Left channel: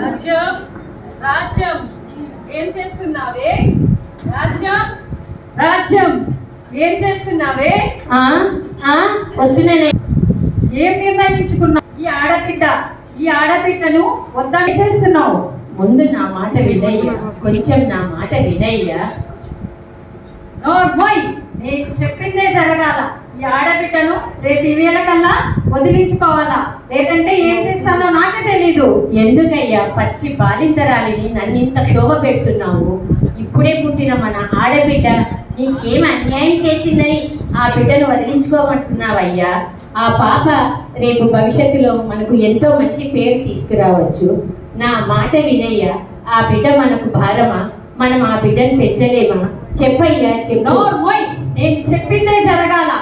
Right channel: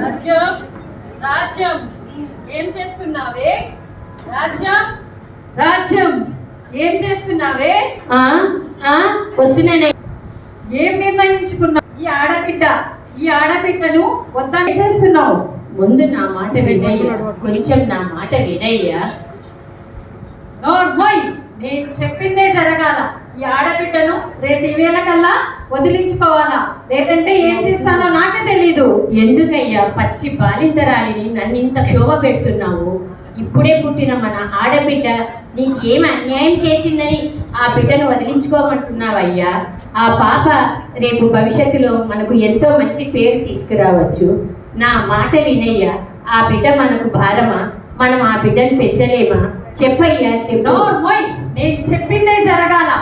రాజ్యం రాజ్యం ఏం చేస్తున్నావే? రాజ్యం రాజ్యం ఏం చేస్తున్నావే? వస్తున్నానే. ఏం నిర్ణయించుకున్నావు? ఈ ఆడబిడ్డను వద్దని చేస్తున్నావు? ముందు నా మాట వినయ్యా, కొంచెం నా మాట వినయ్యా. నోర్మోయ్, నేను చెప్పిందే జరగాల. ఈ ఆడబిడ్డను రేపు ఇవేళ కల్లా వదిలించుకోవాలా, లేదంటే ఏం చేస్తానో నాకే తెలీదు. ఎందుకయ్యా పచ్చి బాలింతరాలిని నన్ను ఇంత క్షోభ పెడుతున్నావు? ఇప్పుడే పుట్టిన మన ఆడబిడ్డ నీకేం అన్యాయం చేసిందని ఆ బిడ్డను వదిలించుకోమంటున్నావయ్యా? ఆ పాప రేపు భవిష్యత్తులో మనకు ఎంతో మంచి పేరు తీసుకురావచ్చు. నా మాట వినయ్యా. ఆ బిడ్డ మనకు భారమా? మనం ఆ బిడ్డను పెంచలేమా? చెప్పయ్యా, చెప్పు. నేను చెప్పిందే జరగాల.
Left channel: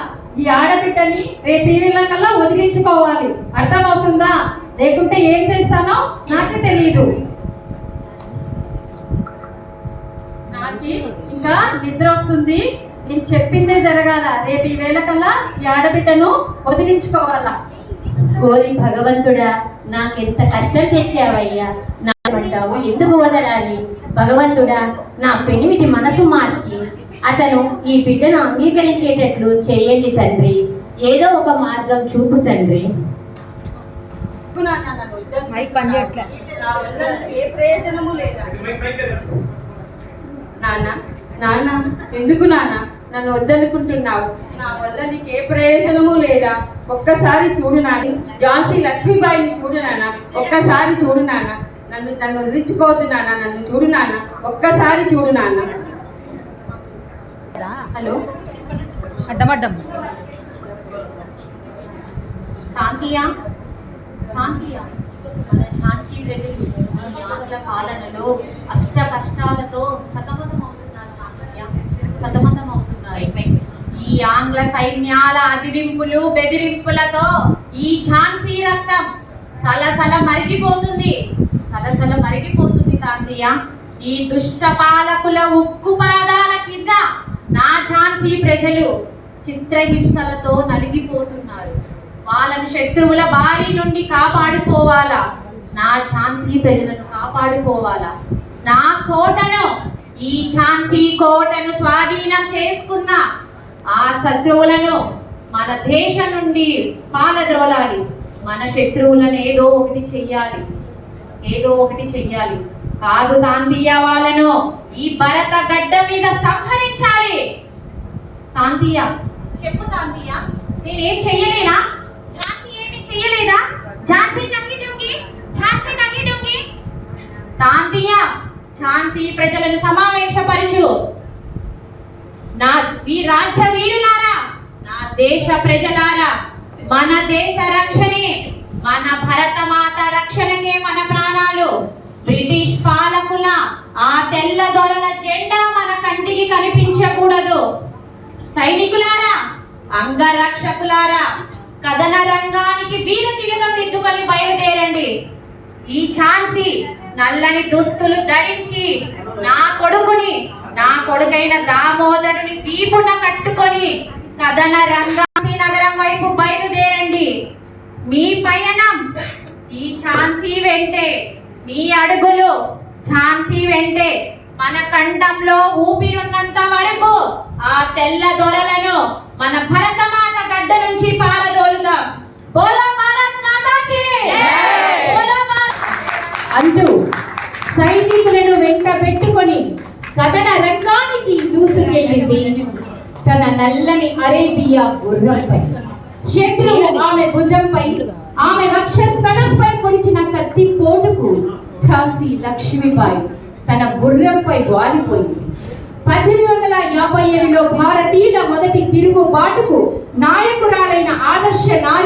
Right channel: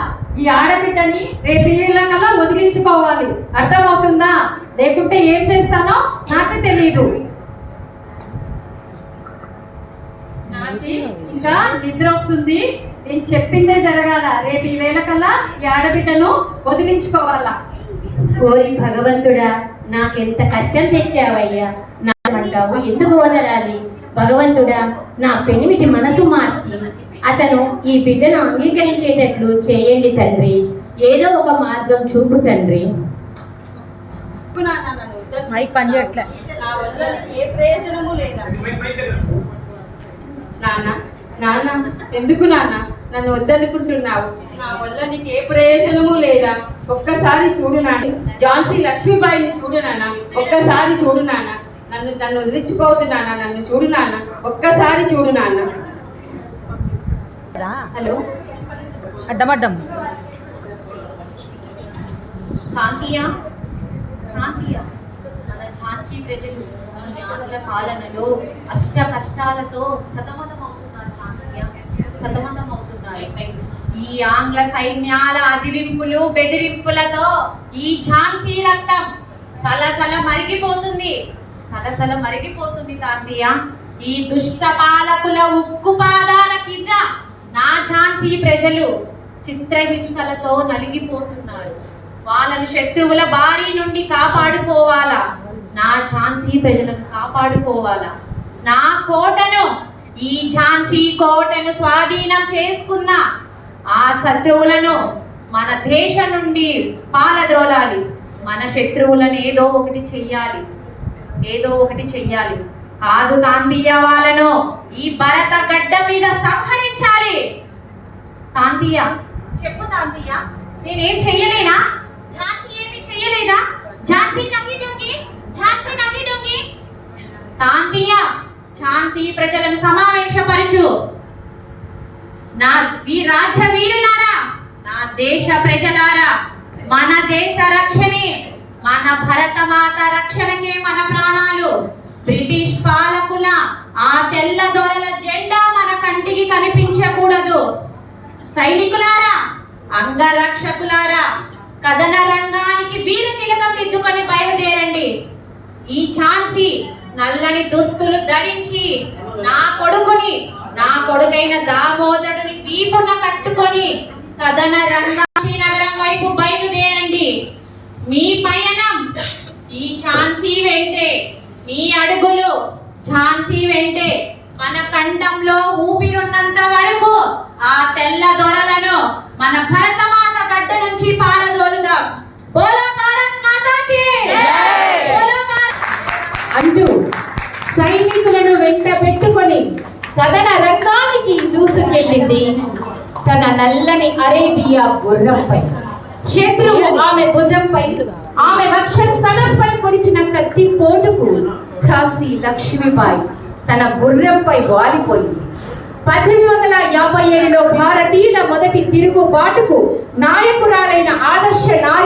ఈ ఆడబిడ్డని రేపు ఈ కల్లా వదిలించుకోవాలి, అర్థమవుతుందా? లేకుంటే ఏం చేస్తానో నాకే తెలీదు. నాకు ఇంకా నిద్ర వస్తుంది. నేను చెప్పిందే జరగాల. రేపు ఈ కల్లా ఈ ఆడబిడ్డను వదిలించుకోవాలా. ఓరి భగవంతుడా, నాకెంత కష్టం తెచ్చావయ్యా. నామంటావు ఎందుకు వదలాలి? భగవంతుడా, నా పెనిమిటి మనసు మార్చి అతను ఈ బిడ్డను అంగీకరించేటట్లు చేయండి తండ్రి. ఏదో ఒక మార్గం చూపు తండ్రి. నా వల్ల ఏ ప్రయోజనము లేదా? నాన్న నాన్న ఎందుకు నాన్న నన్ను వద్దనుకుంటున్నావు? నా వల్ల నీకు ఏ ప్రయోజనము లేదా? ఒక్కసారి చూడు నాన్న, ఝాన్సీ లక్ష్మీబాయిని చూడు నాన్న, ఒక్కసారి చూడు నాన్న. నన్ను వదిలించుకోవద్దు నాన్న, నన్ను చూడు నాన్న, ఒక్కసారి చూడు నాన్న. హలో, అడ్డమడ్డం కాంతియా, కాంతియా, మన ఝాన్సీ ప్రజలు ఈ ఆంగ్ల పాలనలో అష్ట కష్టాలతో సతమతం అవుతున్నారు. కాంతియా, సతమతం అవుతున్నారు. ఈ ఆంగ్ల సైన్యాల అదిరింపులు బెదిరింపులతో ఈ ఝాన్సీ రక్తం సలసల మరిగిపోతుంది, సలసల మరిగిపోతుంది. కాంతియా, ఈ దుష్ట పాలకుల ఉక్కు పాదాల కింద నా ఝాన్సీ ప్రజలు చిత్రహింసలతో నలిగిపోతున్నారు. వాళ్ళను శత్రువుల బారి నుండి కాపాడుకోవాలా. నా ఝాన్సీ ప్రజలను కాపాడుకోవాలా. నా కోటను, ఈ ఝాన్సీ కోటను స్వాధీనం చేసుకున్న ఆ శత్రువులను మన దేశం నుండి పాలద్రోలాలి. మన శత్రువులను ఏదో ఒకటి చెయ్యాలి, ఏదో ఒకటి చెయ్యాలి. కాదు తాంతియా, వాళ్ళను ఈ భరత గడ్డ మీద సంహరించాలి. తాంతియా, చెప్పు తాంతియా, నేనేం చెయ్యలేనా? ఝాన్సీ ఏమి చెయ్యలేదా? ఝాన్సీ నమ్మి డొంగి, ఝాన్సీ నమ్మి డొంగి. తాంతియా, ఝాన్సీ ప్రజలను సమావేశపరచు. నా ఈ రాజ్య వీరులారా, నా దేశ ప్రజలారా, మన దేశ రక్షణే, మన భరతమాత రక్షణకే మన ప్రాణాలు. బ్రిటిష్ పాలకుల ఆ తెల్ల దొరల జెండా మన కంటికి కనిపించకూడదు. సైనికులారా, అంగరక్షకులారా, కథన రంగానికి వీర తిలకం దిద్దుకొని బయలుదేరండి. ఈ ఝాన్సీ నల్లని దుస్తులు ధరించి నా కొడుకైన దామోదరుని వీపున కట్టుకొని కథన రంగాసి నగరం వైపు బయలుదేరండి. మీ పయనం ఈ ఝాన్సీ వెంటే, మీ అడుగులు ఝాన్సీ వెంటే. మన కంఠంలో ఊపిరున్నంత వరకు ఆ తెల్ల దొరలను మన భరతమాత గడ్డ నుంచి పారదోలుదాం. బోలో భారత్ మాతాకి అంటూ సైనికులను వెంట పెట్టుకొని కథన రంగానికి దూసుకెళ్ళింది తన నల్లని అరేబియా గుర్రంపై. శత్రువు ఆమె భుజంపై, ఆమె వక్షస్థలంపై పొడిచిన కత్తి పోటుకు ఝాన్సీ లక్ష్మీబాయి తన గుర్రంపై వాలిపోయింది. 1857లో భారతీయుల మొదటి తిరుగుబాటుకు నాయకురాలైన ఆదర్శ నారి